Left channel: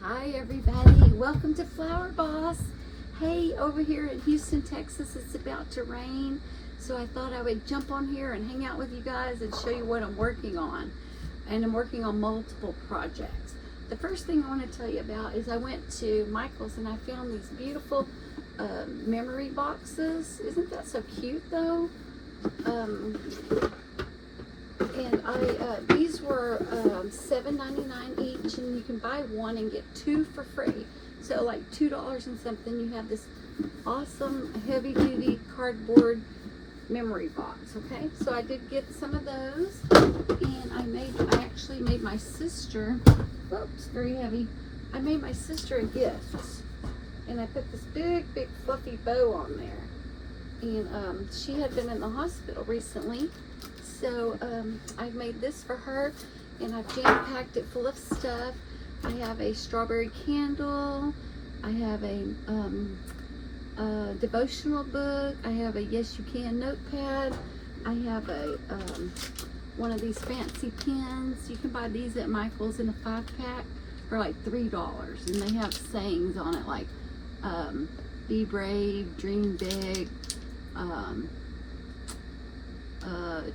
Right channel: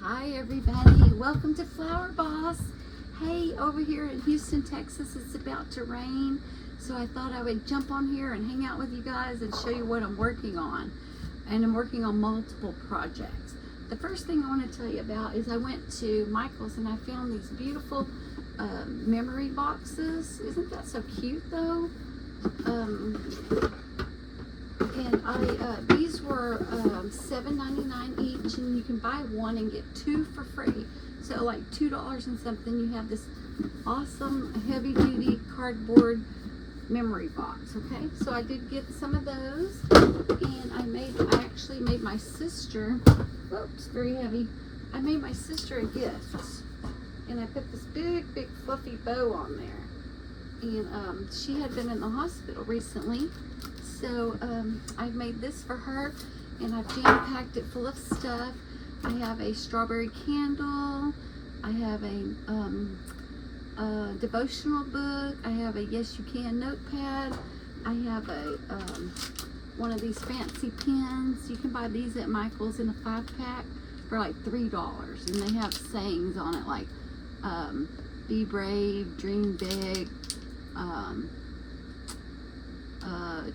Hi everybody, welcome to Flower Boss. Hey, over here in Houston, Texas, it's about to rain, so I thought I would jump on here and hang out with you guys and show you what I'm working on. And I'm working on multiple projects. The first thing I want to tell you about is I went to Michael's and I found these beautiful memory boxes. Isn't that so cute though? These were $7.99 each, and you can buy one and get two for free. So like $2 and something, you have this awesome heavy-duty cardboard memory box. Okay, so I did get some of those, and I actually made my sister. Oops, very heavy. I made my sister a gift, and I put this big fluffy bow on there. And she had been in the hospital recently. So I made this for her, and I've jam-packed it full of stuff. I have a strawberry candle. I have a devotional book. I have a Yes You Can notepad. I have a one of these fancy pens. You can buy these at Michael's in a 5-pack for like $3, and they have sayings on it like be brave, dream big,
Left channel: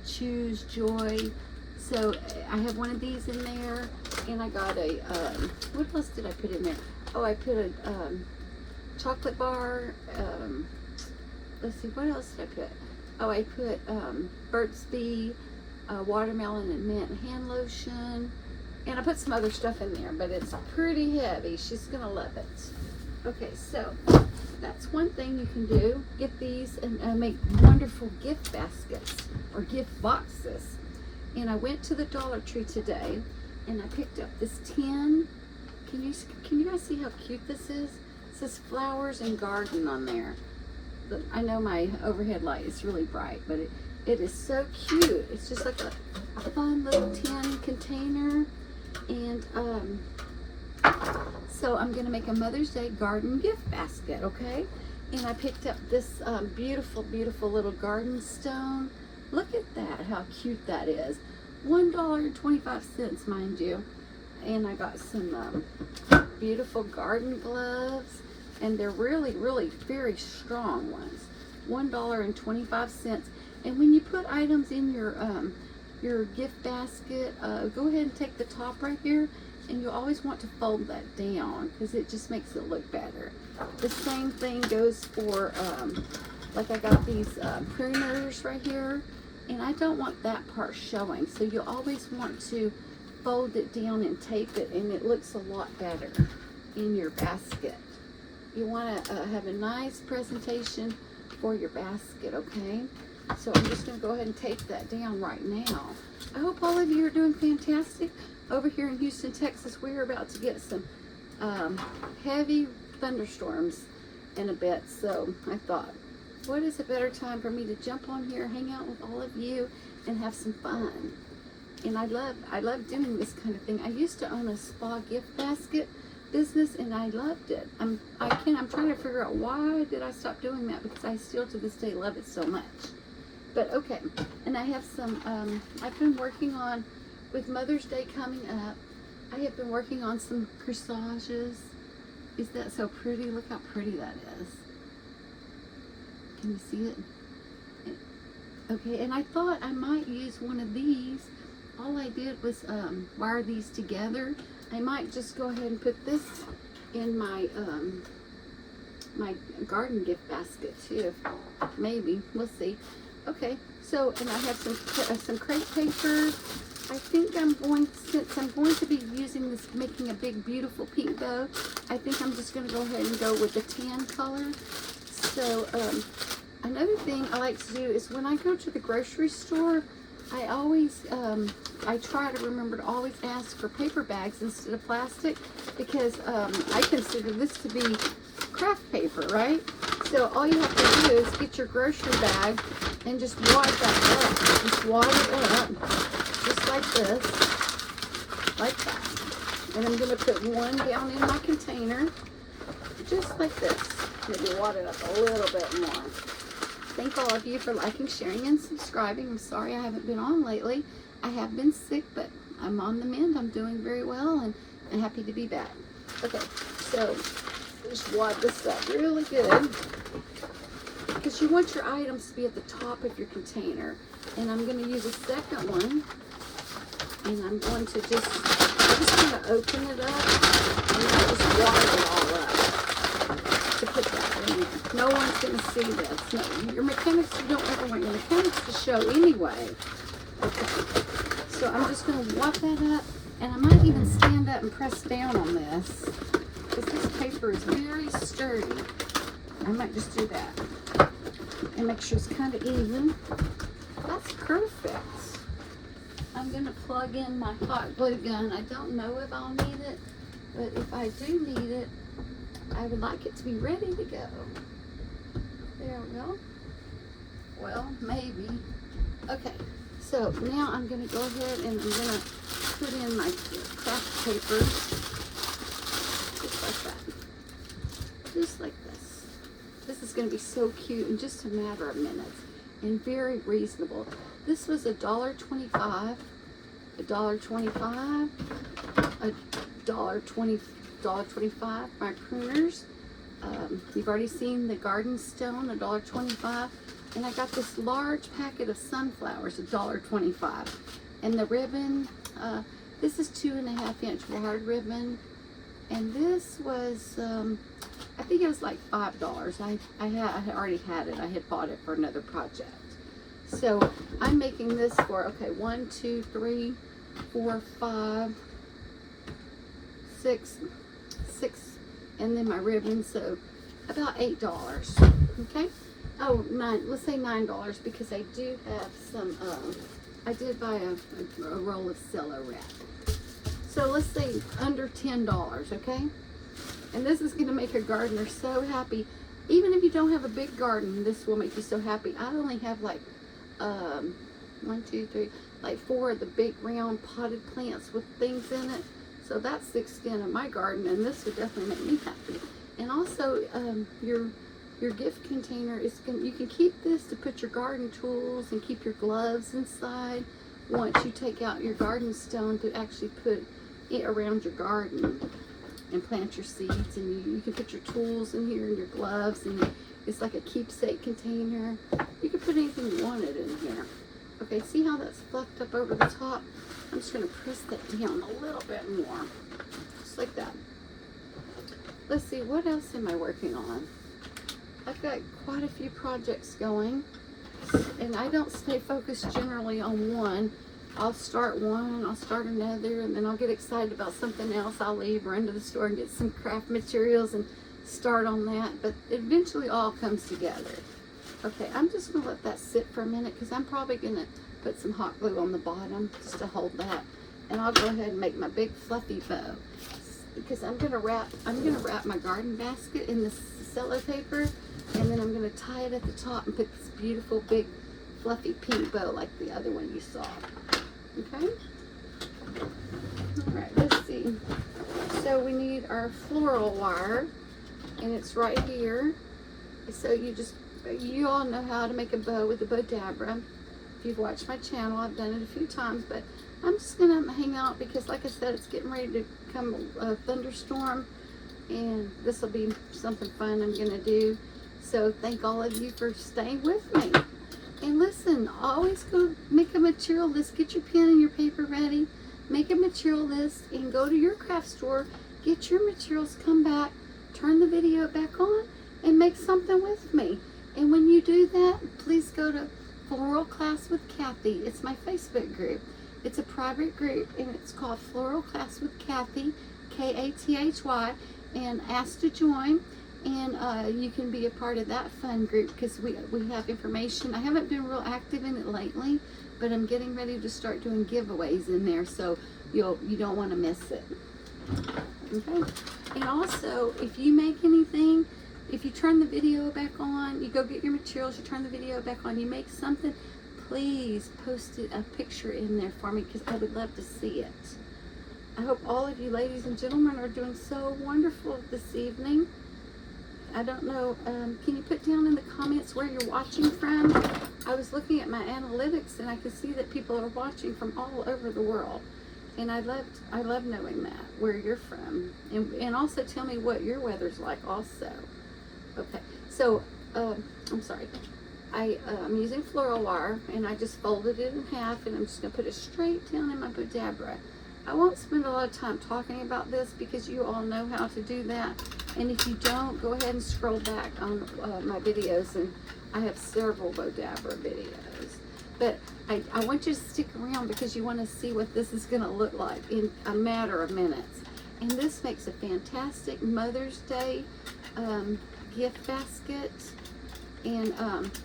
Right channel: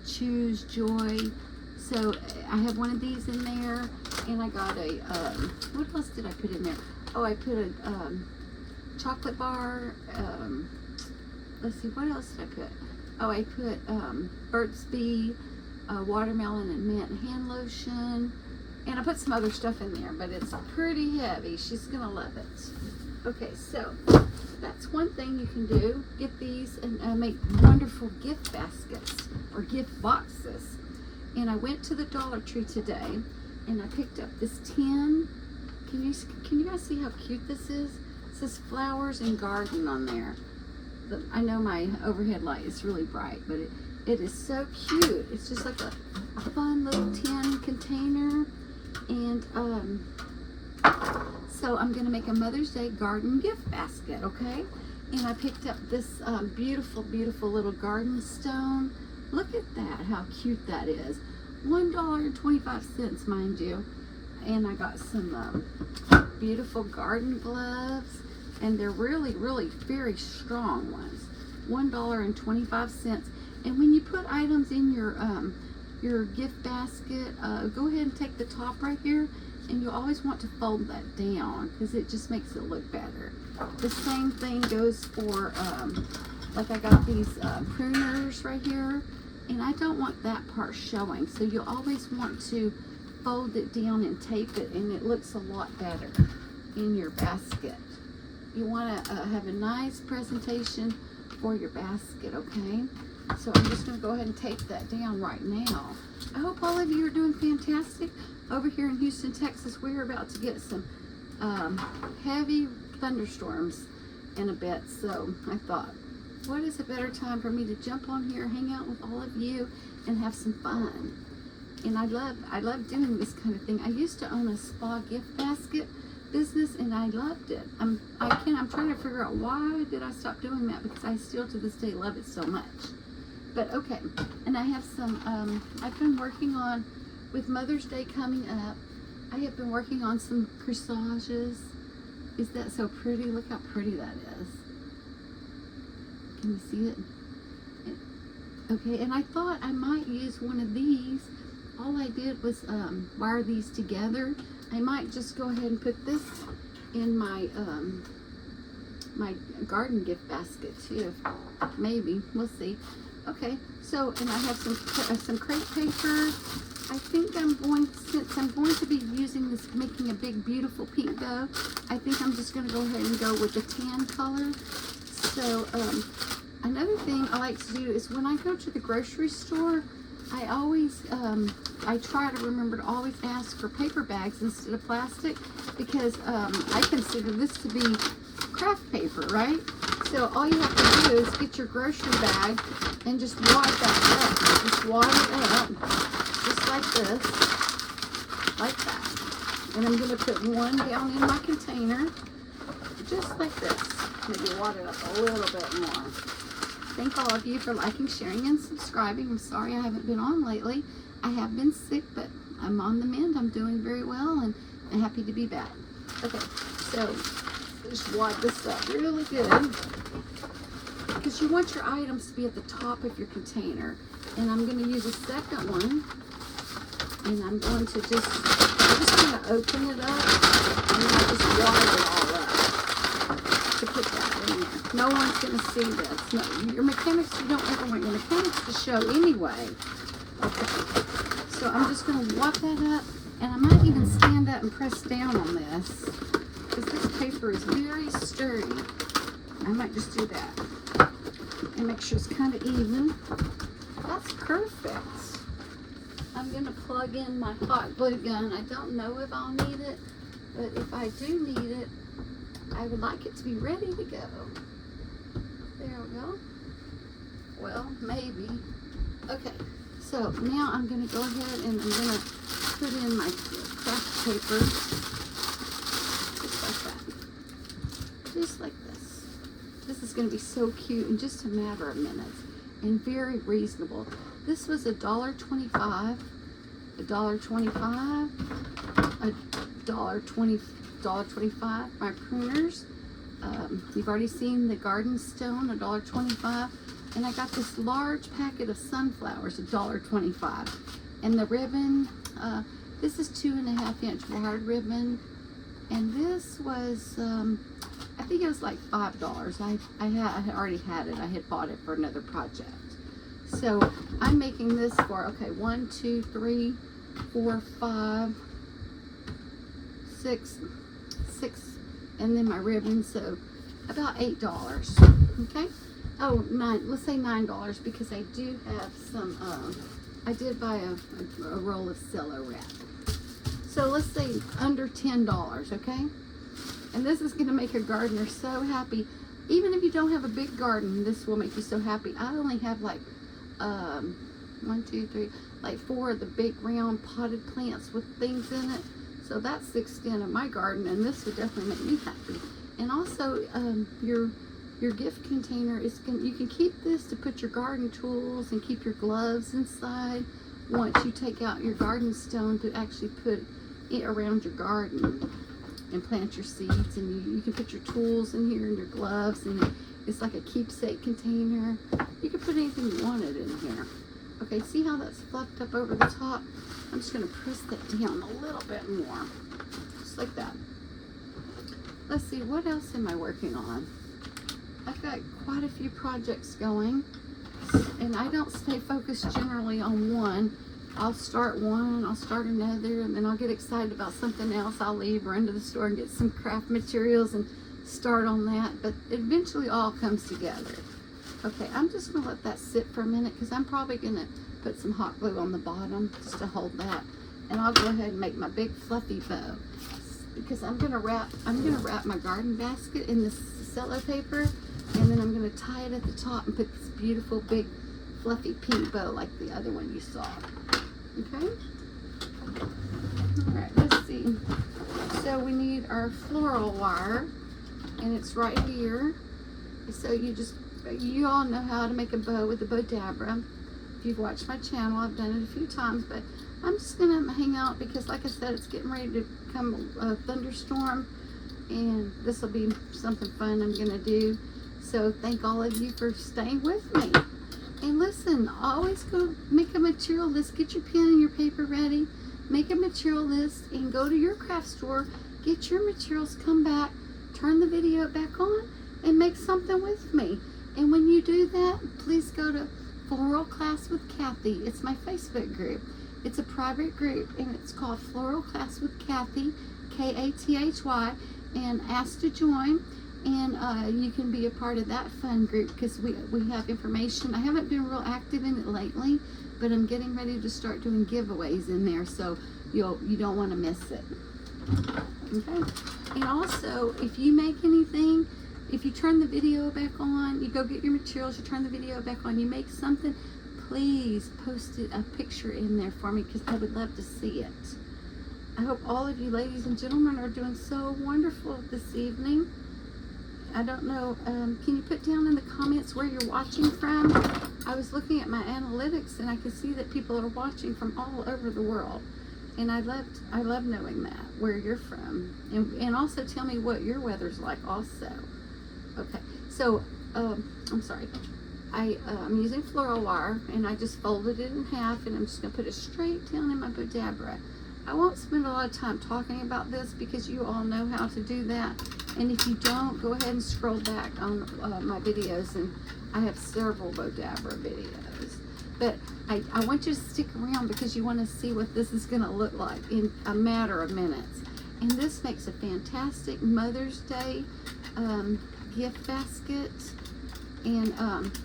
choose joy. So I have one of these in there, and I got a what else did I put in there? Oh, I put a chocolate bar. Let's see, what else did I put? Oh, I put Burt's Bee watermelon and mint hand lotion, and I put some other stuff in there, but it's pretty heavy. She's gonna love it. Okay, so that's one thing you can do. Get these and make wonderful gift baskets or gift boxes. And I went to the Dollar Tree today, and I picked up this tin. Can you guys see how cute this is? It says flowers and garden on there. I know my overhead light is really bright, but it is so cute. It's just like a fun little tin container. And so I'm gonna make a Mother's Day garden gift basket, okay? And I picked up this beautiful little garden stone. Look at that, how cute that is. $1.25, mind you. And I got some beautiful garden gloves, and they're really very strong ones. $1.25. And when you put items in your gift basket, go ahead and take the top right here, and you always want to fold that down because it just makes it look better. The same thing goes for like I got these pruners right here, and I don't want that part showing, so you always want to fold it down and tape it, and it looks a lot better in your basket. You want to have a nice presentation for your basket, okay? So I'm just going to go ahead and tape that down right now. I hope all of you are doing fantastic. Over here in Houston, Texas, we're about to get some heavy thunderstorms in a bit. So I thought, what is a better time for me to jump on here, hang out with all of you, and have some fun? And I love doing this kind of thing. I used to own a spa gift basket business, and I loved it. I'm trying to figure out why did I stop doing that, because I still to this day love it so much. But okay, and I have some, I've been working on, with Mother's Day coming up, I have been working on some corsages. Is that so pretty? Look how pretty that is. Can you see it? Okay, and I thought I might use one of these. All I did was wire these together. I might just go ahead and put this in my my garden gift basket too. Maybe, we'll see. Okay, so, and I have some crepe paper. I think since I'm going to be using this, making a big beautiful pink bow, I think I'm just going to go ahead and go with the tan color. So another thing I like to do is when I go to the grocery store, I always I try to remember to always ask for paper bags instead of plastic, because I consider this to be craft paper, right? So all you have to do is get your grocery bag and just wad that up. Just wad it up, just like this, like that. And I'm going to put one down in my container, just like this. Maybe wad it up a little bit more. Thank all of you for liking, sharing, and subscribing. I'm sorry I haven't been on lately. I have been sick, but I'm on the mend. I'm doing very well, and and happy to be back. Okay, so just wad this up really good because you want your items to be at the top of your container. And I'm going to use a second one, and I'm going to just kind of open it up and I just wad it all up to put that in there. No one's going to see this. No, your mechanics, you don't ever want your mechanics to show anyway. Okay, so I'm just going to wad that up, and I might even stand up and press down on this because this paper is very sturdy. I might just do that and make sure it's kind of even. That's perfect. I'm going to plug in my hot glue gun. I don't know if I'll need it, but if I do need it, I would like it to be ready to go. There we go. Well, maybe. Okay, so now I'm going to go ahead and I'm going to put in my craft paper. Just like that. Just like this. This is going to be so cute in just a matter of minutes. And very reasonable. This was $1.25, $1.25, $1.25. My pruners. You've already seen the garden stone, $1.25. And I got this large packet of sunflowers, $1.25. And the ribbon, this is 2.5 inch wide ribbon. And this was, I think it was like $5. I had already had it. I had bought it for another project. So I'm making this for, okay, 1, 2, 3, 4, 5, 6, and then my ribbon, so about $8. Okay. Oh, let's say $9 because I do have some, I did buy a roll of cello wrap. So let's say under $10, okay? And this is going to make a gardener so happy. Even if you don't have a big garden, this will make you so happy. I only have like 1, 2, 3, like 4 of the big round potted plants with things in it. So that's the extent of my garden, and this would definitely make me happy. And also, your gift container is you can keep this to put your garden tools and keep your gloves inside once you take out your garden stone to actually put it around your garden and plant your seeds. And you can put your tools in here and your gloves, and it's like a keepsake container. You can put anything you wanted in here. Okay, see how that's fluffed up over the top? I'm just going to press that down a little bit more, just like that. Let's see, what else am I working on? I've got quite a few projects going, and I don't stay focused generally on one. I'll start one, I'll start another, and then I'll get excited about something else. I'll leave, run to the store and get some craft materials and start on that, but eventually all comes together. Okay, I'm just going to let that sit for a minute because I'm probably going to put some hot glue on the bottom just to hold that. And I'll go ahead and make my big fluffy bow because I'm going to wrap my garden basket in this cello paper, and then I'm going to tie it at the top and put this beautiful big fluffy pink bow like the other one you saw. Okay? All right, let's see. So we need our floral wire, and it's right here. So you all know how to make a bow with the Bowdabra. If you've watched my channel, I've done it a few times, but I'm just gonna hang out because, like I said, it's getting ready to come a thunderstorm, and this will be something fun I'm gonna do. So thank all of you for staying with me. And listen, always go make a material list. Get your pen and your paper ready. Make a material list and go to your craft store. Get your materials, come back, turn the video back on, and make something with me. And when you do that, please go to Floral Class with Kathy. It's my Facebook group. It's a private group, and it's called Floral Class with Kathy, Kathy, and ask to join. And you can be a part of that fun group because we have information. I haven't been real active in it lately, but I'm getting ready to start doing giveaways in there, so you don't want to miss it. Okay. And also, if you make anything, if you turn the video back on, you go get your materials, you turn the video back on, you make something, please post a picture in there for me because I would love to see it. I hope all of you ladies and gentlemen are doing so wonderful this evening. I don't know, can you put down in the comments where you're watching from? I was looking at my analytics and I can see that people are watching from all over the world. And I love knowing that, where you're from. And also tell me what your weather's like also. Okay, so, I'm sorry. I'm using floral wire, and I just folded it in half, and I'm just going to put it straight down in my Bodabra. I won't spend a lot of time talking about this because you all know how to do that. And if you don't, go ahead and scroll back on my videos, and I have several Bodabra videos. But I want you to stick around because you want to see what this is going to look like in a matter of minutes. And this makes a fantastic Mother's Day gift basket. And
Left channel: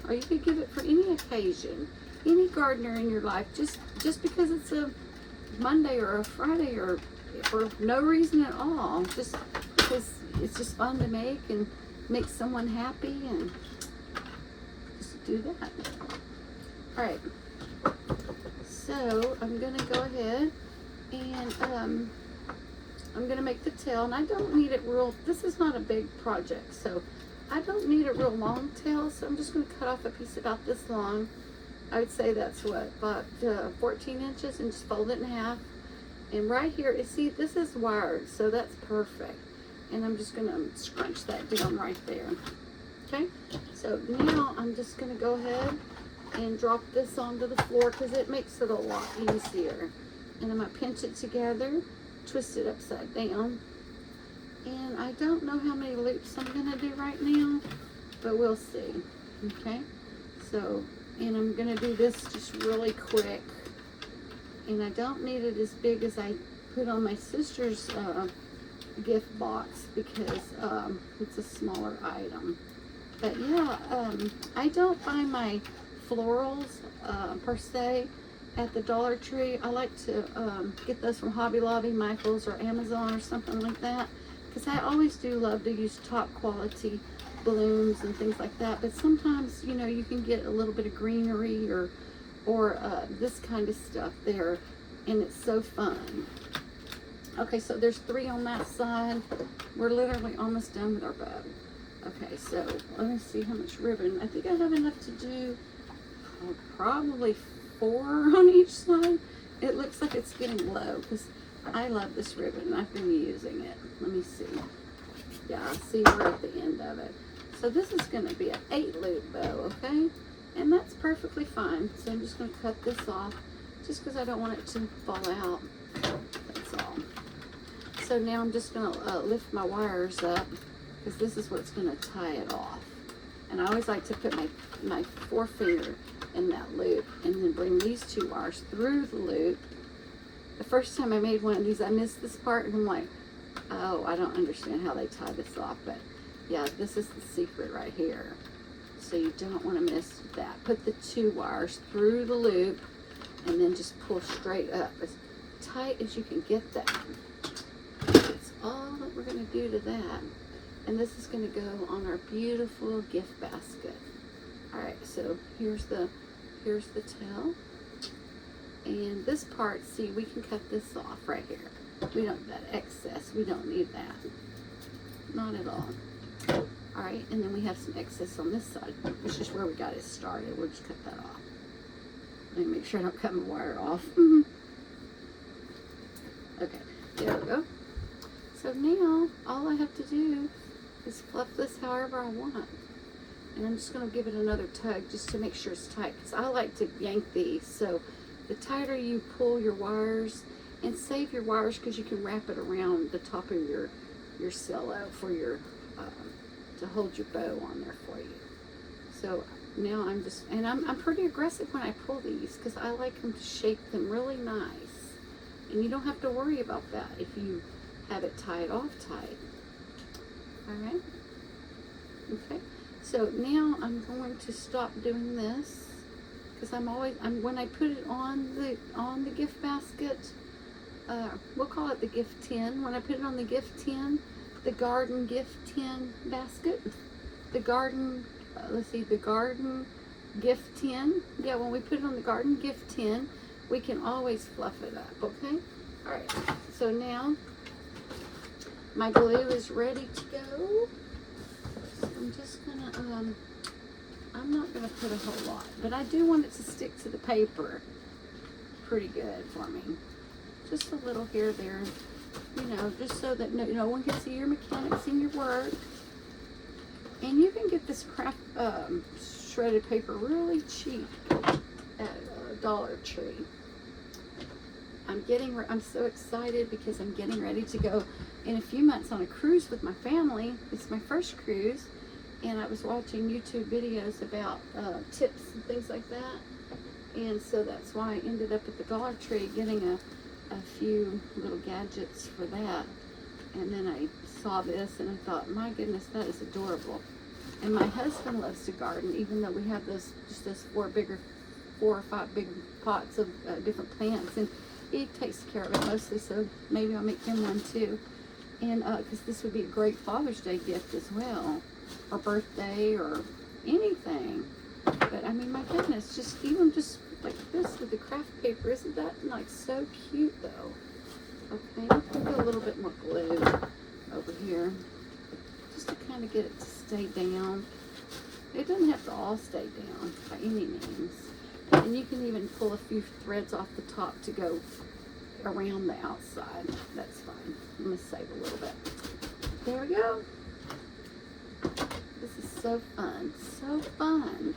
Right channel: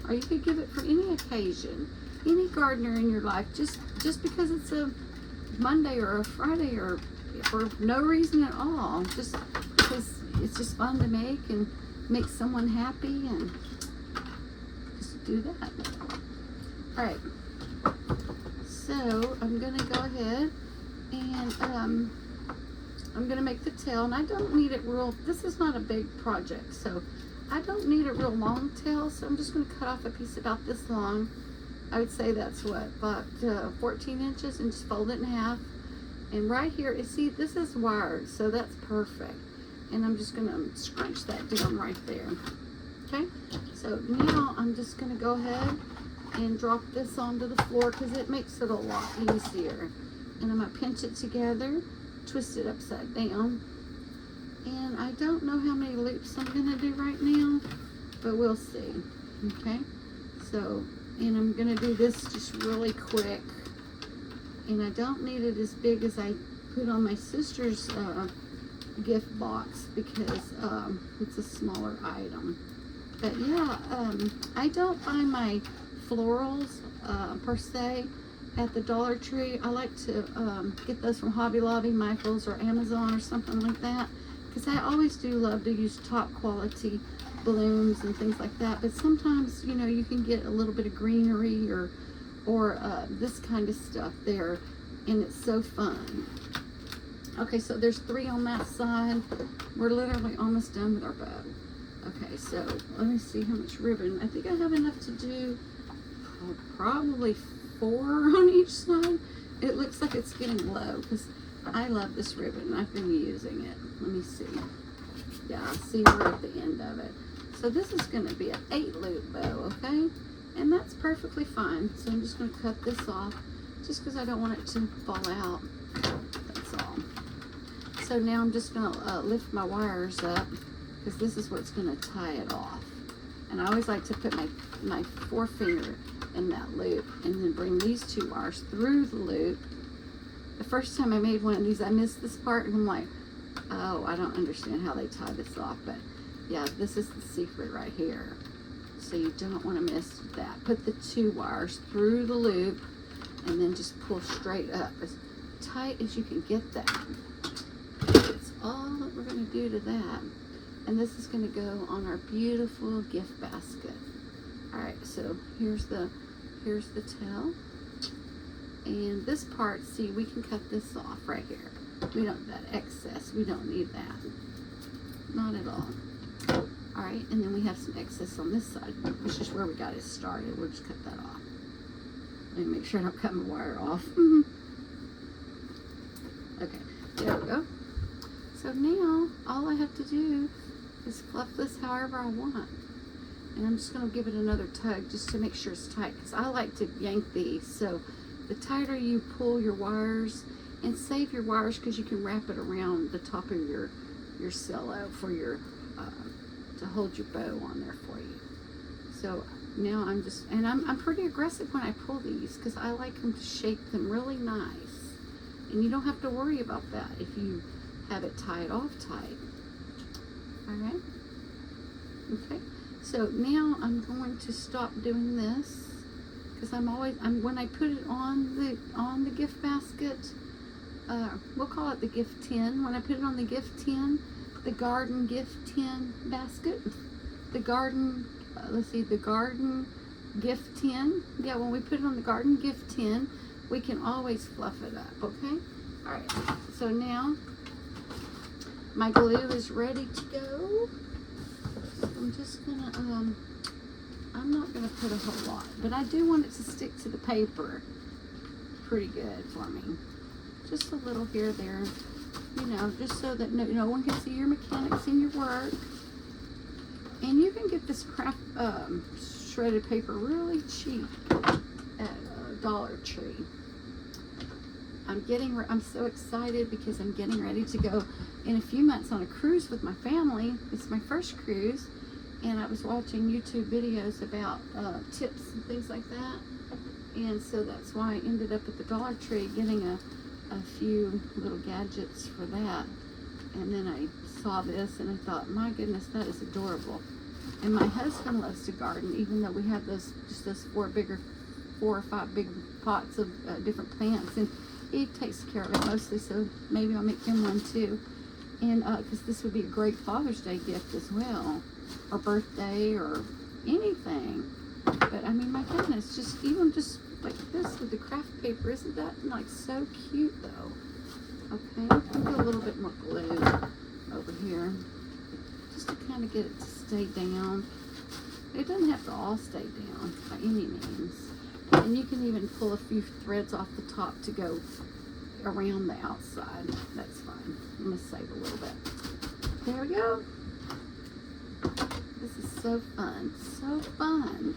or you could give it for any occasion, any gardener in your life, just because it's a Monday or a Friday or for no reason at all, just because it's just fun to make someone happy, and just do that. All right, so I'm gonna go ahead and I'm gonna make the tail, and I don't need it real, this is not a big project, so I don't need a real long tail, so I'm just gonna cut off a piece about this long. I would say that's what, about 14 inches, and just fold it in half. And right here, see, this is wired, so that's perfect. And I'm just gonna scrunch that down right there. Okay, so now I'm just gonna go ahead and drop this onto the floor because it makes it a lot easier. And I'm gonna pinch it together, twist it upside down. And I don't know how many loops I'm gonna do right now, but we'll see. Okay, so, and I'm gonna do this just really quick. And I don't need it as big as I put on my sister's gift box because it's a smaller item. But yeah, I don't buy my florals per se at the Dollar Tree. I like to get those from Hobby Lobby, Michael's, or Amazon or something like that, because I always do love to use top quality blooms and things like that. But sometimes, you know, you can get a little bit of greenery or this kind of stuff there, and it's so fun. Okay, so there's 3 on that side. We're literally almost done with our bow. Okay, so let me see how much ribbon. I think I have enough to do probably 4 on each side. It looks like it's getting low because I love this ribbon. I've been using it. Let me see. Yeah, I see we're at the end of it. So this is going to be an 8-loop bow, okay? And that's perfectly fine. So I'm just going to cut this off just because I don't want it to fall out. That's all. So now I'm just going to lift my wires up because this is what's going to tie it off. And I always like to put my forefinger in that loop and then bring these 2 wires through the loop. The first time I made one of these, I missed this part, and I'm like, oh, I don't understand how they tie this off. But yeah, this is the secret right here. So you don't want to miss that. Put the 2 wires through the loop and then just pull straight up as tight as you can get that. That's all that we're going to do to that. And this is going to go on our beautiful gift basket. All right, so here's the tail. And this part, see, we can cut this off right here. We don't, that excess, we don't need that. Not at all. All right, and then we have some excess on this side, which is where we got it started. We'll just cut that off. Let me make sure I don't cut my wire off. Okay, there we go. So now, all I have to do is fluff this however I want. And I'm just going to give it another tug just to make sure it's tight, because I like to yank these. So the tighter you pull your wires, and save your wires because you can wrap it around the top of your cello for your to hold your bow on there for you. So now I'm just, and I'm pretty aggressive when I pull these because I like them to shape them really nice, and you don't have to worry about that if you have it tied off tight. All right, okay, so now I'm going to stop doing this because when I put it on the gift basket, we'll call it the gift tin. When I put it on the gift tin, the garden gift tin basket, the garden, the garden gift tin. Yeah, when we put it on the garden gift tin, we can always fluff it up, okay? All right, so now my glue is ready to go. I'm just gonna, I'm not gonna put a whole lot, but I do want it to stick to the paper pretty good for me. just a little here, there, you know, just so that no one can see your mechanics in your work. And you can get this craft shredded paper really cheap at Dollar Tree. I'm so excited because I'm getting ready to go in a few months on a cruise with my family. It's my first cruise, and I was watching YouTube videos about tips and things like that, and so that's why I ended up at the Dollar Tree getting a few little gadgets for that. And then I saw this and I thought, my goodness, that is adorable. And my husband loves to garden, even though we have those 4 or 5 big pots of different plants, and he takes care of it mostly, so maybe I'll make him one too. And because this would be a great Father's Day gift as well, or birthday, or anything. But I mean, my goodness, just like this with the craft paper, isn't that like so cute though? Okay, I'll put a little bit more glue over here, just to kind of get it to stay down. It doesn't have to all stay down by any means. And you can even pull a few threads off the top to go around the outside. That's fine. I'm going to save a little bit. There we go. This is so fun. So fun.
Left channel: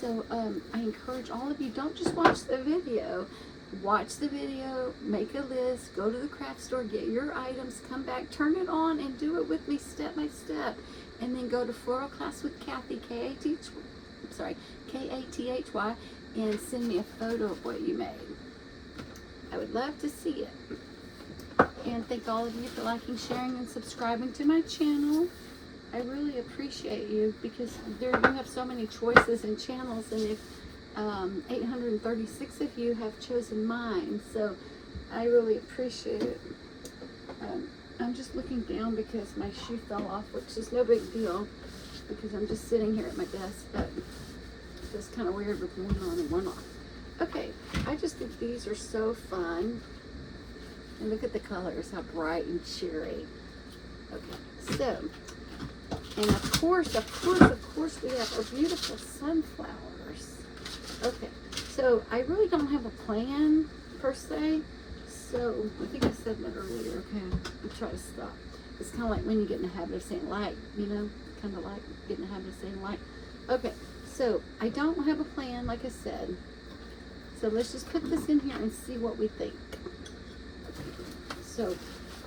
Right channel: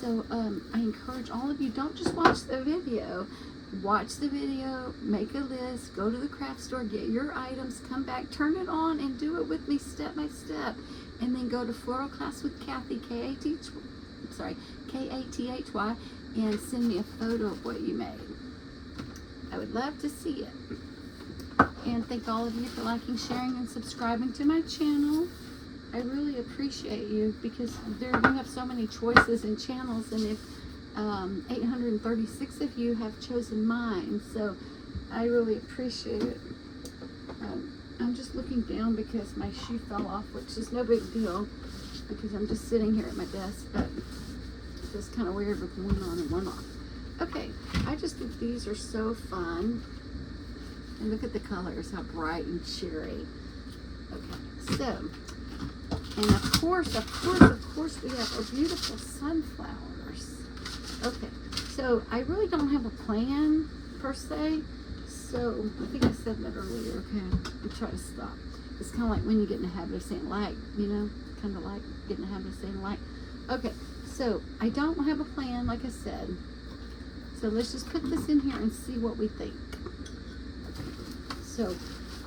So I encourage all of you, don't just watch the video. Watch the video, make a list, go to the craft store, get your items, come back, turn it on, and do it with me step by step. And then go to Floral Class with Kathy, K-A-T-H-Y, and send me a photo of what you made. I would love to see it. And thank all of you for liking, sharing, and subscribing to my channel. I really appreciate you, because you have so many choices and channels, and if 836 of you have chosen mine, so I really appreciate it. I'm just looking down because my shoe fell off, which is no big deal because I'm just sitting here at my desk, but it feels kind of weird with one on and one off. Okay, I just think these are so fun. And look at the colors, how bright and cheery. Okay, so, and of course, we have our beautiful sunflowers. Okay, so I really don't have a plan per se. So, I think I said that earlier. Okay, I'll try to stop. It's kind of like when you get in the habit of saying like, you know, kind of like getting in the habit of saying like. Okay, so I don't have a plan, like I said. So let's just put this in here and see what we think. Okay, so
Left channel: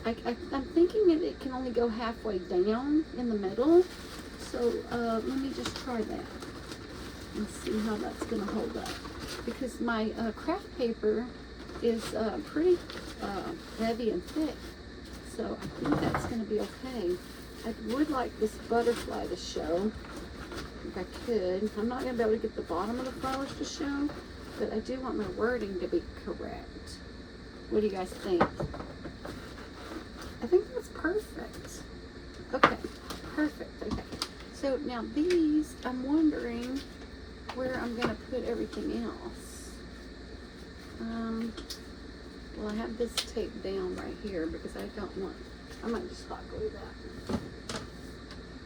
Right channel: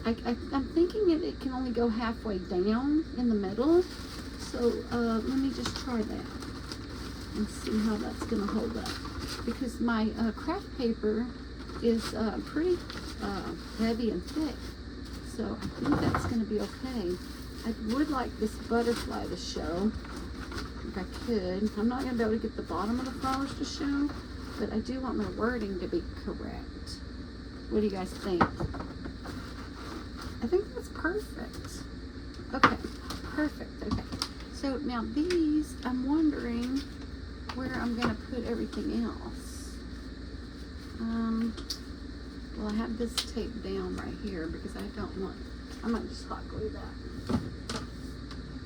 I'm thinking it can only go halfway down in the middle. So let me just try that and see how that's going to hold up. Because my craft paper is pretty heavy and thick, so I think that's going to be okay. I would like this butterfly to show, if I could. I'm not going to be able to get the bottom of the flowers to show, but I do want my wording to be correct. What do you guys think? I think that's perfect. Okay, perfect. Okay, so now these, I'm wondering where I'm going to put everything else. Well, I have this taped down right here because I might just hot glue that.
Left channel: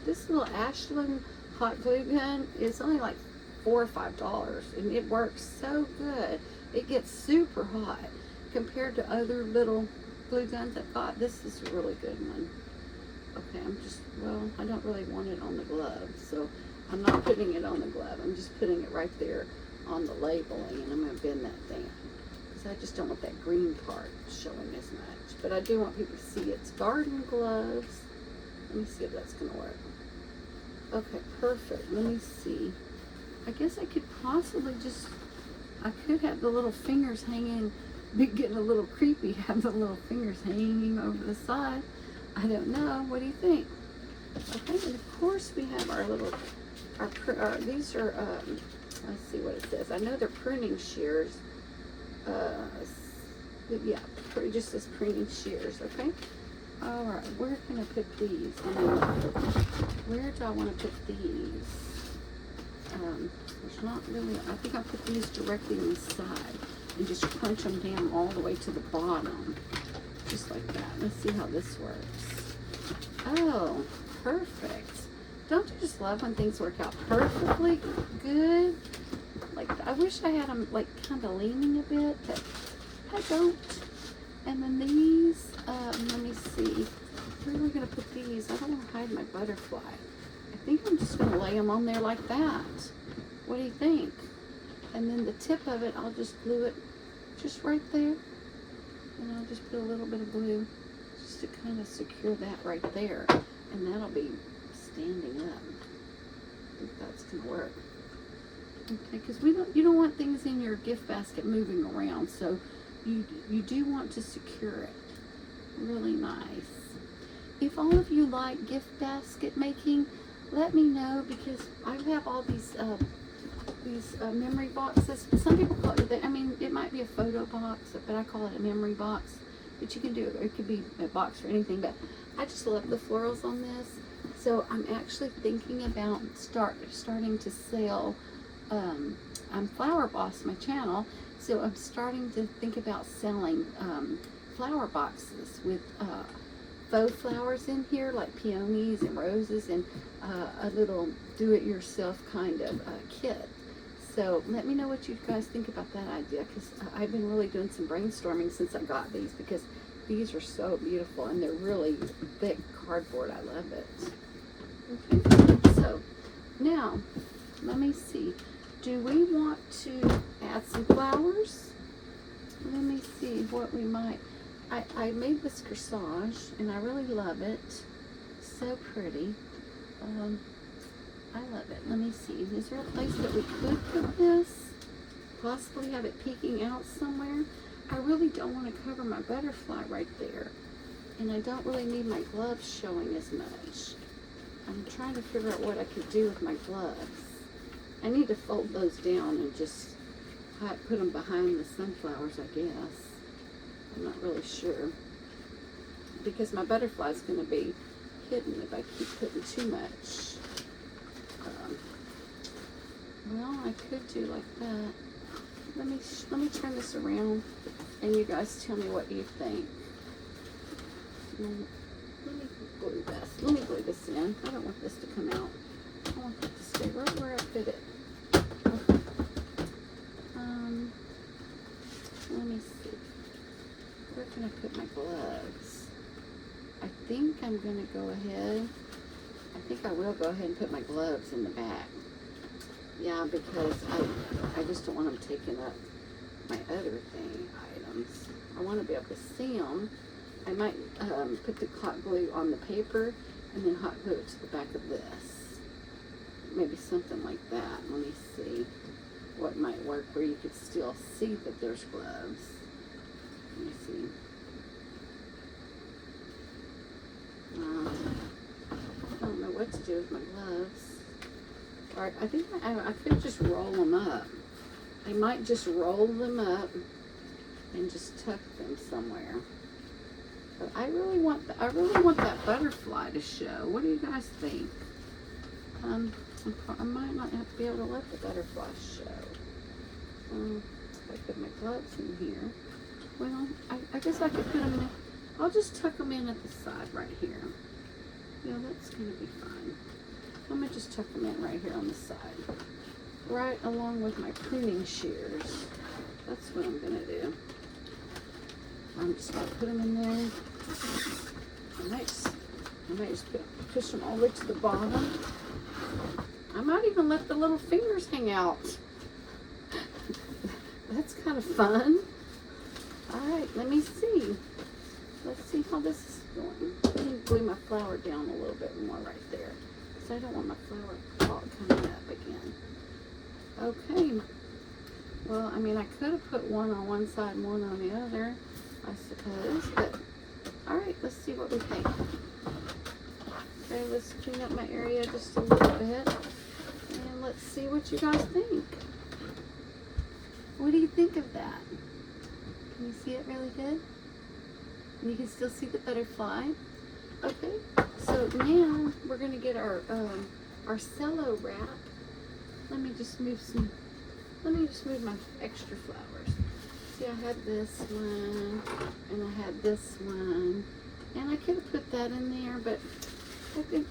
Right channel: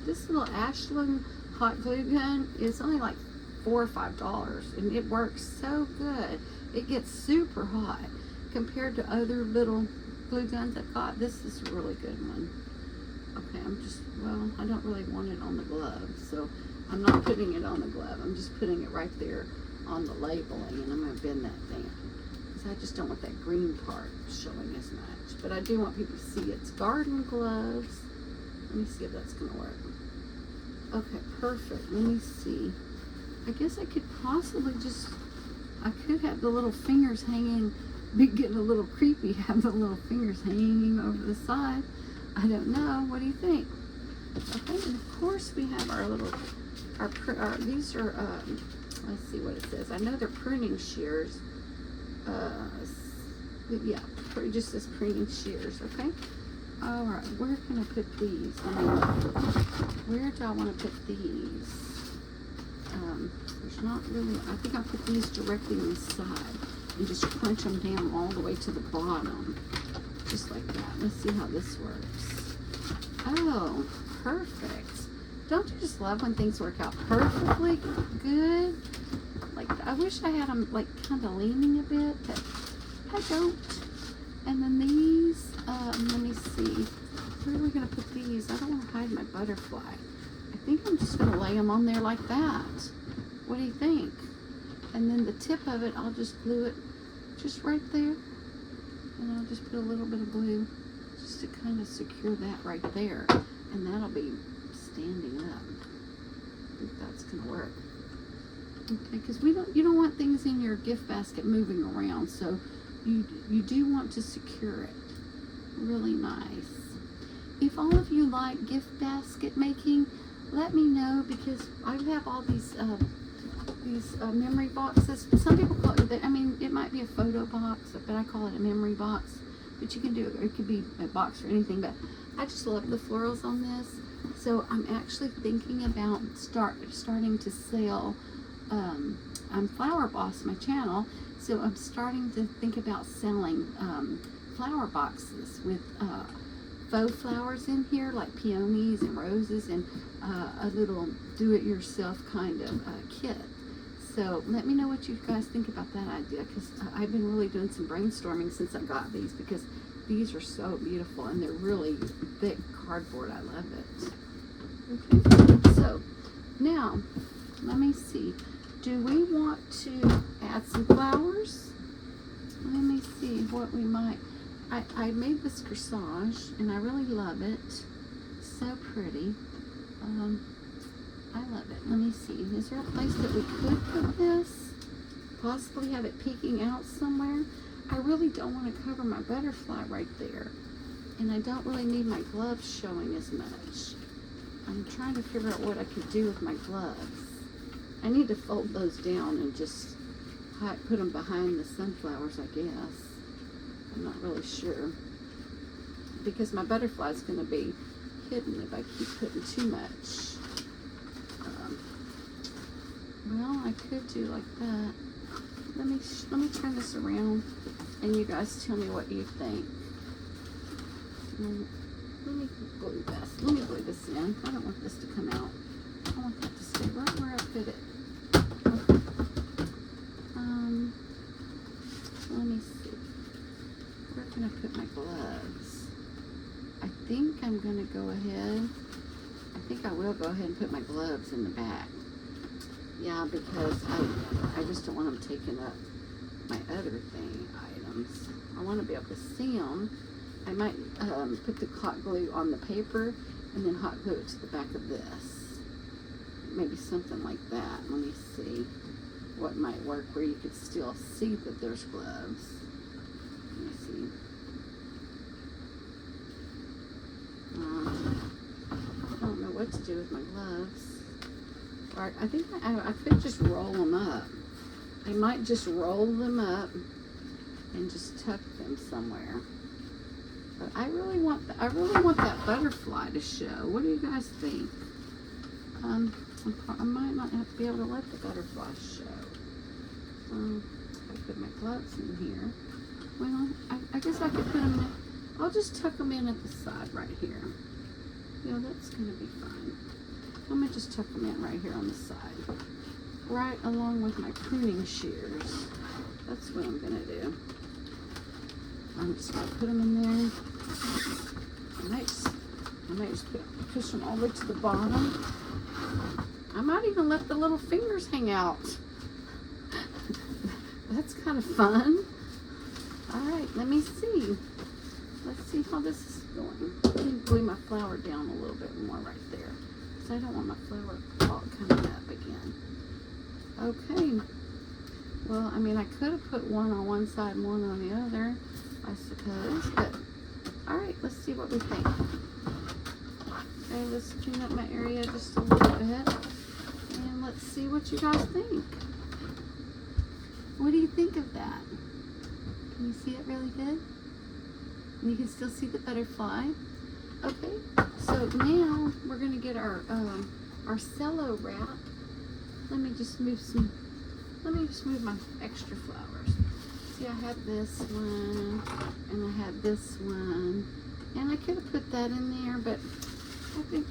This little Ashland hot glue gun is only like $4 or $5, and it works so good. It gets super hot compared to other little glue guns I've got. This is a really good one. Okay, I don't really want it on the glove, so I'm not putting it on the glove. I'm just putting it right there on the labeling, and I'm going to bend that down because I just don't want that green part showing as much. But I do want people to see it's garden gloves. Let me see if that's going to work. Okay, perfect. Let me see. I guess I could possibly I could have the little fingers hanging, getting a little creepy, have the little fingers hanging over the side. I don't know. What do you think? Okay, and of course we have our little, these are, let's see what it says. I know they're pruning shears. Yeah, just as pruning shears, okay? All right, where can I put these? Where do I want to put these? There's not really, I think I'll put these directly on the side and just crunch them down all the way to the bottom. Just like that. Let's see how this works. Oh, perfect. Don't you just love when things work out perfectly good? Like, I wish I had them like kind of leaning a bit, but I don't. And then these, let me see. Where are we going to put these? I don't want to hide my butterfly. I think I'm just going to lay them on there like that. What do you think? And then the tip of it, I'll just glue it just right there. And I'll just put a little bit of glue just to kind of secure that right there. And that'll be standing up. I think that's going to work. Okay, because you don't want things in your gift basket moving around, so you do want to secure it. Really nice. If all of you like gift basket making, let me know, because I have all these memory boxes. Some people call it, I mean, it might be a photo box, but I call it a memory box. But you can do it, or it could be a box or anything. But I just love the florals on this, so I'm actually thinking about starting to sell. I'm Flower Boss, my channel, so I'm starting to think about selling flower boxes with faux flowers in here, like peonies and roses, and a little do-it-yourself kind of kit. So let me know what you guys think about that idea, because I've been really doing some brainstorming since I got these, because these are so beautiful and they're really thick cardboard. I love it. Okay, so now let me see. Do we want to add some flowers? Let me see what we might. I made this corsage and I really love it. So pretty. I love it. Let me see. Is there a place that we could put this? Possibly have it peeking out somewhere. I really don't want to cover my butterfly right there. And I don't really need my gloves showing as much. I'm trying to figure out what I could do with my gloves. I need to fold those down and just put them behind the sunflowers, I guess. I'm not really sure, because my butterfly is going to be hidden if I keep putting too much. Well, I could do like that. Let me turn this around, and you guys tell me what you think. Let me glue this. Let me glue this in. I don't want this to come out. I want that to stay right where I put it. Okay. Let me see. Where can I put my gloves? I think I'm going to go ahead. I think I will go ahead and put my gloves in the back. Yeah, because I just don't want them taking up my other items. I want to be able to see them. I might put the hot glue on the paper and then hot glue it to the back of this. Maybe something like that. Let me see what might work where you could still see that there's gloves. Let me see. I don't know what to do with my gloves. Or I think I could just roll them up. I might just roll them up and just tuck them somewhere. But I really want that butterfly to show. What do you guys think? I might not have to be able to let the butterfly show. If I put my gloves in here. Well, I guess I could put them in. I'll just tuck them in at the side right here. Yeah, that's going to be fine. Let me just tuck them in right here on the side. Right along with my pruning shears. That's what I'm going to do. I'm just going to put them in there. I might just push them all the way to the bottom. I might even let the little fingers hang out. That's kind of fun. Alright, let me see. Let's see how this is going. Let me glue my flower down a little bit more right there, because I don't want my flower all coming up again. Okay. Well, I mean, I could have put one on one side and one on the other, I suppose, but alright, let's see what we think. Okay, let's clean up my area just a little bit, and let's see what you guys think. What do you think of that? Can you see it really good? And you can still see the butterfly. Okay, so now we're going to get our cello wrap. Let me just move my extra flowers. See, I had this one, and I had this one, and I could have put that in there, but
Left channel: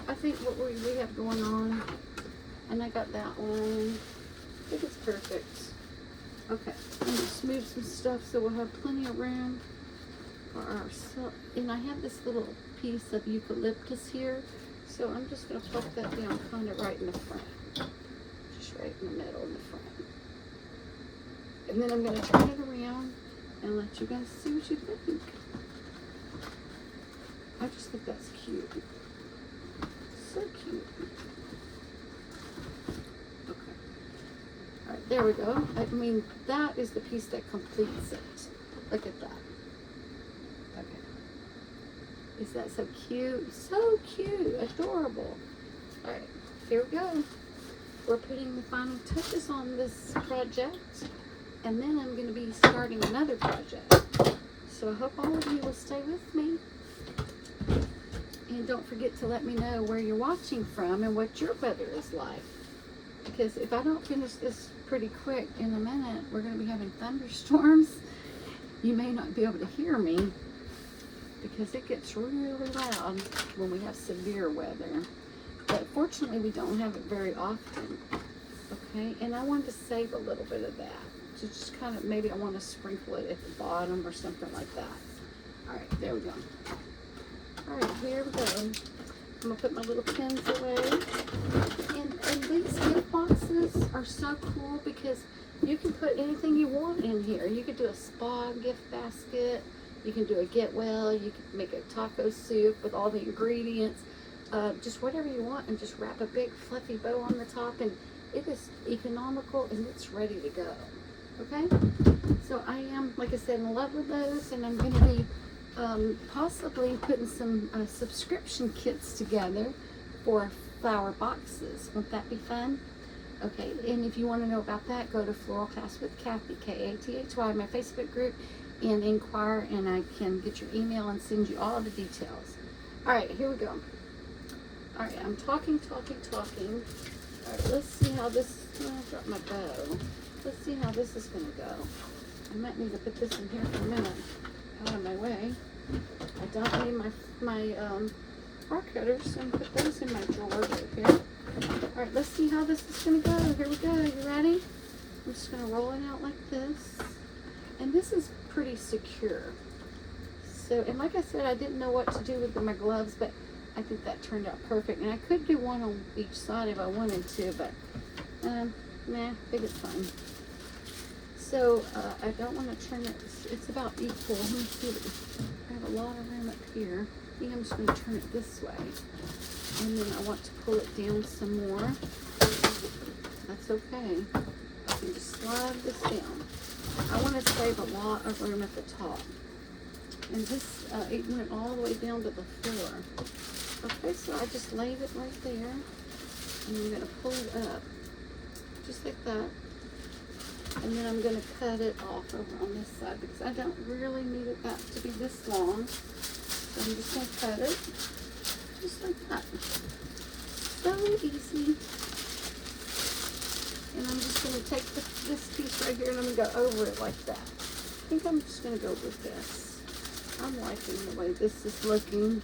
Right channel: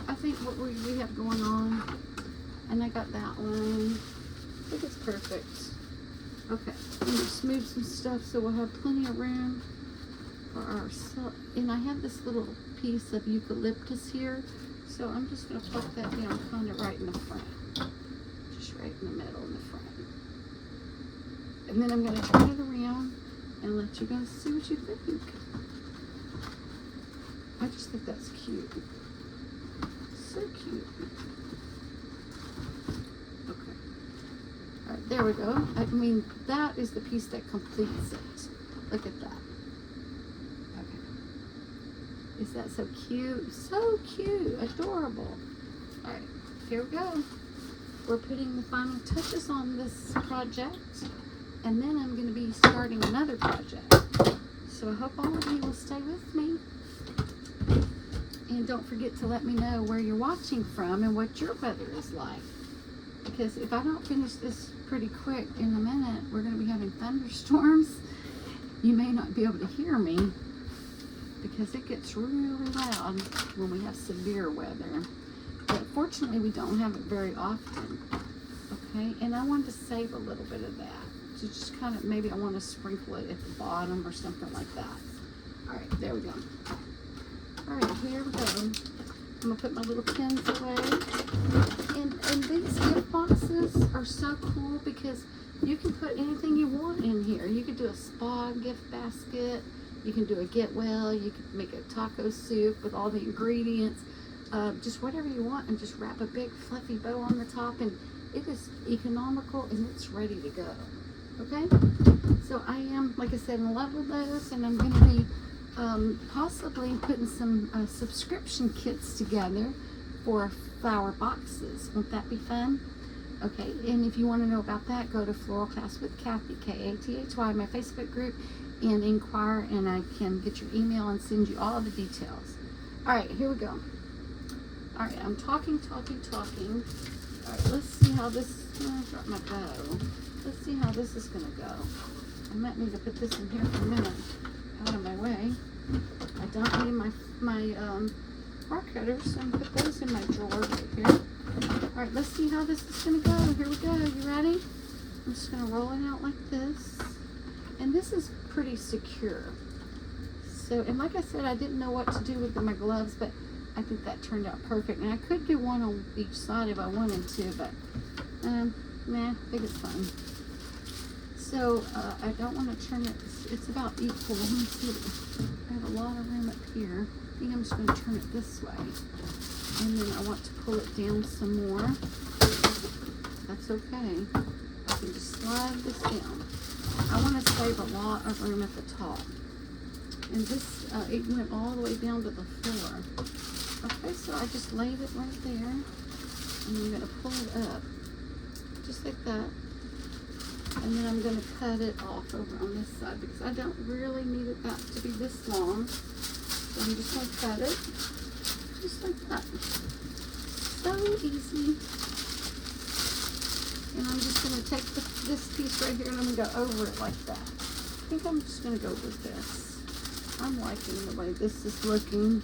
I think what we have going on, and I got that one. I think it's perfect. Okay, I'm gonna just move some stuff so we'll have plenty of room. and I have this little piece of eucalyptus here, so I'm just going to pluck that down kind of right in the front, just right in the middle in the front. And then I'm going to turn it around and let you guys see what you think. I just think that's cute. So cute. Okay. All right, there we go. I mean, that is the piece that completes it. Look at that. Okay. Is that so cute? So cute. Adorable. All right, here we go. We're putting the final touches on this project, and then I'm going to be starting another project. So I hope all of you will stay with me. And don't forget to let me know where you're watching from and what your weather is like. Because if I don't finish this pretty quick in a minute, we're going to be having thunderstorms. You may not be able to hear me because it gets really loud when we have severe weather. But fortunately, we don't have it very often. Okay, and I wanted to save a little bit of that. So just kind of, maybe I want to sprinkle it at the bottom or something like that. All right, there we go. All right, here we go. I'm gonna put my little pins away. And these gift boxes are so cool because you can put anything you want in here. You could do a spa gift basket. You can do a get well. You could make a taco soup with all the ingredients. Just whatever you want, and just wrap a big fluffy bow on the top. And it is economical and it's ready to go. Okay? So I am, like I said, in love with those, and I'm gonna be possibly putting some subscription kits together for flower boxes. Won't that be fun? Okay, and if you want to know about that, go to Floral Class with Kathy, K-A-T-H-Y, my Facebook group, and inquire, and I can get your email and send you all the details. All right, here we go. All right, I'm talking. All right, let's see how this, I've got my bow. Let's see how this is going to go. I might need to put this in here for a minute. Out of my way. I don't need my bar cutters, so I'm gonna put those in my drawer right here. All right, let's see how this is gonna go. Here we go. You ready? I'm just gonna roll it out like this, and this is pretty secure. So, and like I said, I didn't know what to do with my gloves, but I think that turned out perfect. And I could do one on each side if I wanted to, but nah, I think it's fine. So I don't want to turn it, it's about equal. Let me see, I have a lot of room up here. I think I'm just going to turn it this way. And then I want to pull it down some more. That's okay. I can just slide this down. I want to save a lot of room at the top. And this, it went all the way down to the floor. Okay, so I just laid it right there. And I'm going to pull it up. Just like that. And then I'm going to cut it off over on this side because I don't really need it that to be this long. So I'm just going to cut it just like that. So easy. And I'm just going to take this piece right here and I'm going to go over it like that. I think I'm just going to go with this. I'm liking the way this is looking.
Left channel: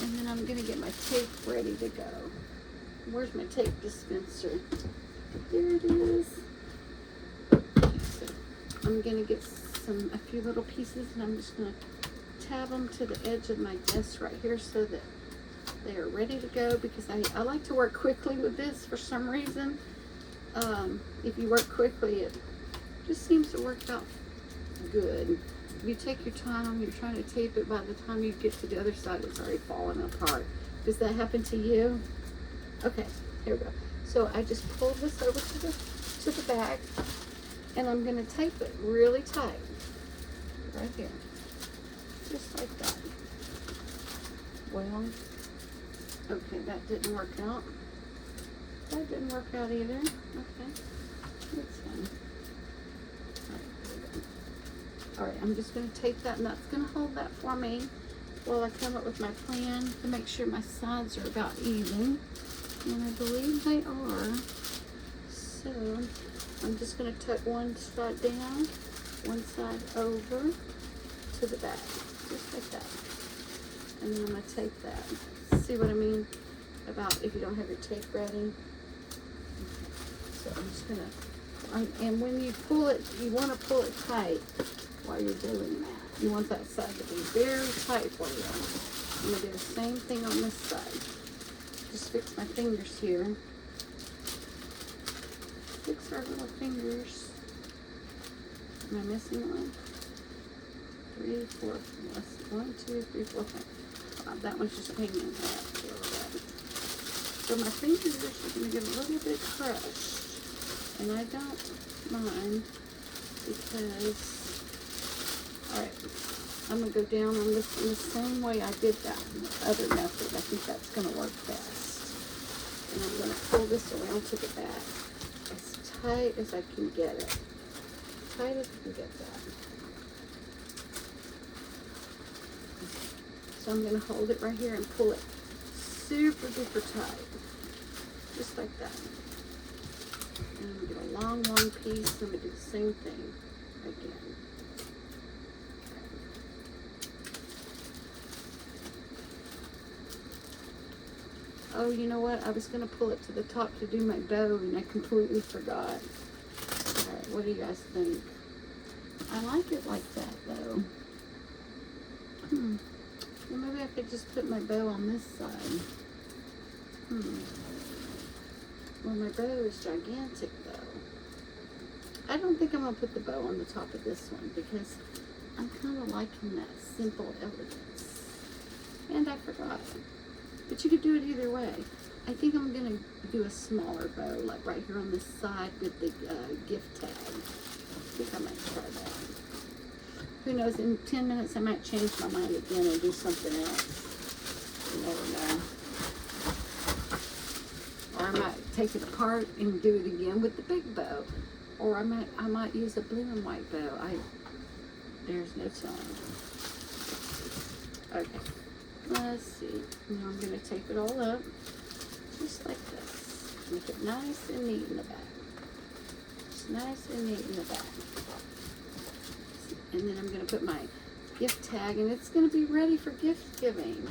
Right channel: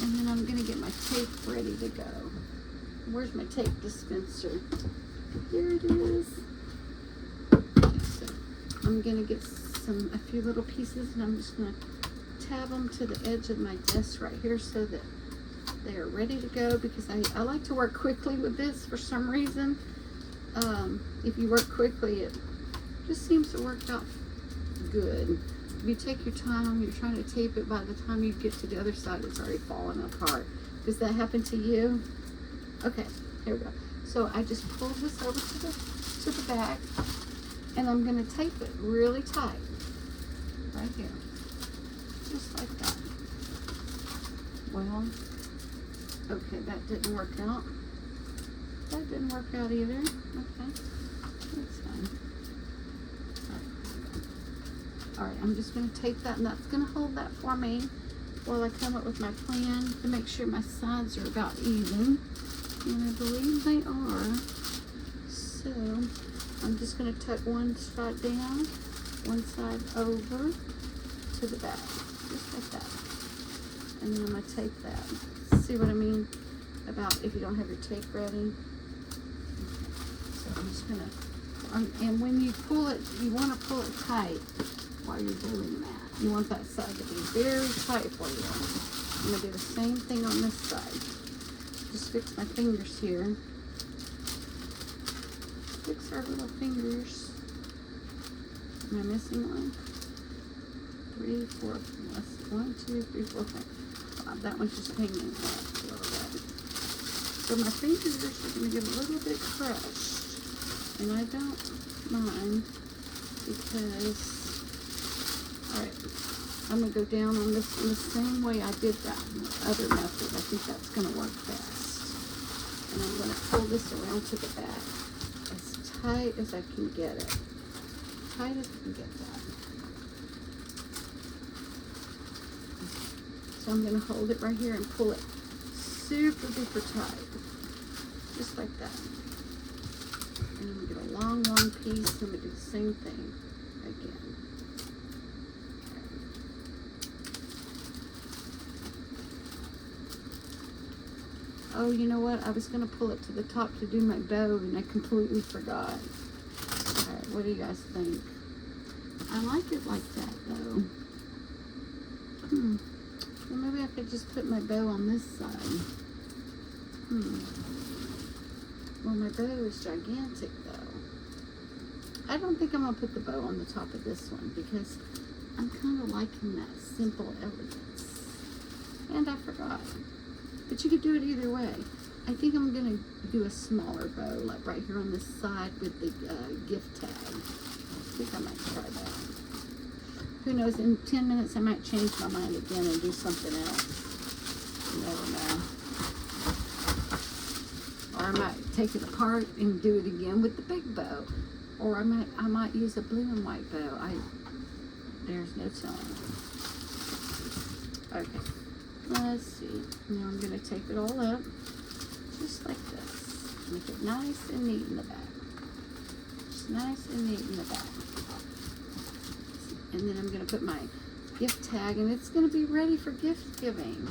And then I'm going to get my tape ready to go. Where's my tape dispenser? Here it is. So I'm going to get a few little pieces, and I'm just going to tab them to the edge of my desk right here so that they are ready to go, because I like to work quickly with this for some reason. If you work quickly, it just seems to work out good. If you take your time, you're trying to tape it, by the time you get to the other side, it's already falling apart. Does that happen to you? Okay, here we go. So I just pulled this over to the bag, and I'm going to tape it really tight right here, just like that. Well, okay, that didn't work out. That didn't work out either. Okay, that's fine. All right, I'm just going to tape that, and that's going to hold that for me while I come up with my plan to make sure my sides are about even. And I believe they are. So I'm just going to tuck one side down, one side over to the back, just like that. And then I'm going to tape that. See what I mean about if you don't have your tape ready? Okay. So I'm just going to, and when you pull it, you want to pull it tight while you're doing that. You want that side to be very tight for you. I'm going to do the same thing on this side. Just fix my fingers here. Fix our little fingers. Am I missing one? 3, 4, 1, 2, 3, 4, 5. That one's just hanging up a little bit. So my fingers are going to get a little bit crushed. And I don't mind because, alright, I'm going to go down on this in the same way I did that other method. I think that's going to work best. And I'm going to pull this around to the back as tight as I can get it. Tight as I can get that. So I'm going to hold it right here and pull it super duper tight. Just like that. And I'm going to get a long, long piece. I'm going to do the same thing again. Oh, you know what? I was going to pull it to the top to do my bow, and I completely forgot. Alright, what do you guys think? I like it like that, though. Well, maybe I could just put my bow on this side. Well, my bow is gigantic, though. I don't think I'm going to put the bow on the top of this one, because I'm kind of liking that simple elegance. And I forgot. But you could do it either way. I think I'm going to do a smaller bow, like right here on this side with the gift tag. I think I might try that. Who knows, in 10 minutes I might change my mind again and do something else. You never know. Or I might take it apart and do it again with the big bow. Or I might use a blue and white bow. There's no telling. Okay. Let's see. Now I'm going to tape it all up, just like this. Make it nice and neat in the back. Just nice and neat in the back. And then I'm going to put my gift tag, and it's going to be ready for gift giving.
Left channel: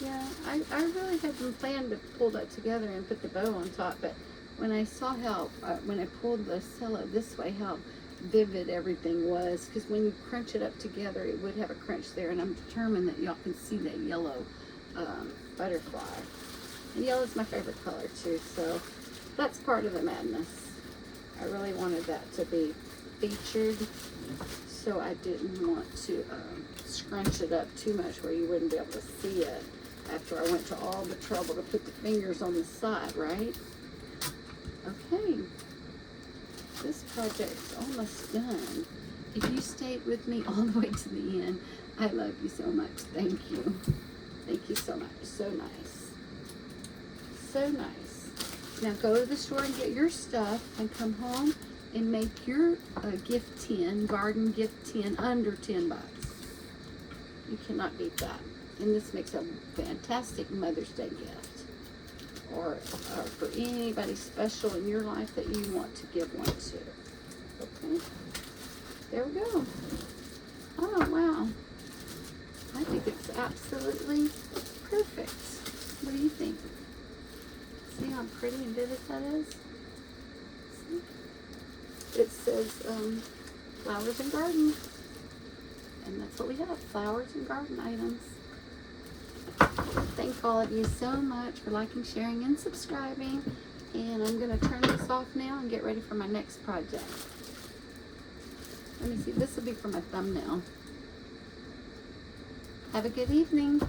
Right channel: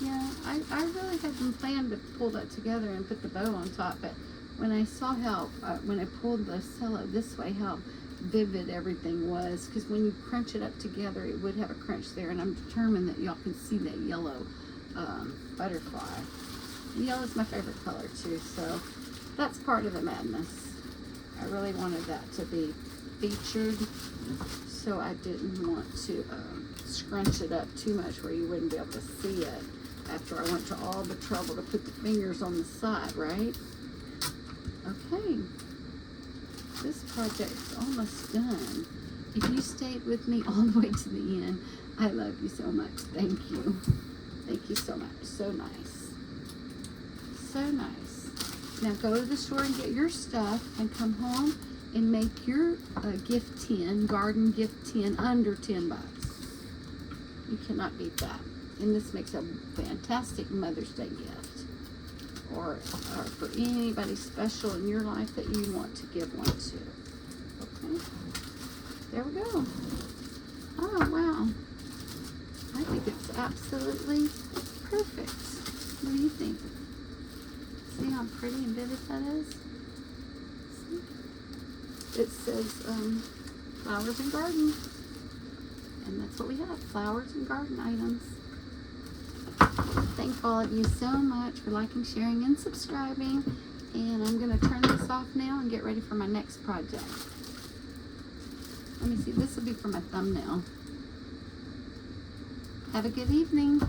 Yeah, I really hadn't planned to pull that together and put the bow on top, but when I saw how, when I pulled the cello this way, how vivid everything was, because when you crunch it up together it would have a crunch there, and I'm determined that y'all can see that yellow butterfly. And yellow is my favorite color too, so that's part of the madness. I really wanted that to be featured, so I didn't want to scrunch it up too much where you wouldn't be able to see it after I went to all the trouble to put the fingers on the side, right? Okay. This project's almost done. If you stayed with me all the way to the end, I love you so much. Thank you. Thank you so much. So nice. So nice. Now go to the store and get your stuff and come home and make your gift tin, garden gift tin, under 10 bucks. You cannot beat that. And this makes a fantastic Mother's Day gift. Or for anybody special in your life that you want to give one to. Okay, there we go. Oh wow, I think it's absolutely perfect. What do you think? See how pretty and vivid that is? See? It says flowers and garden, and that's what we have, flowers and garden items. Thank all of you so much for liking, sharing, and subscribing. And I'm going to turn this off now and get ready for my next project. Let me see. This will be for my thumbnail. Have a good evening.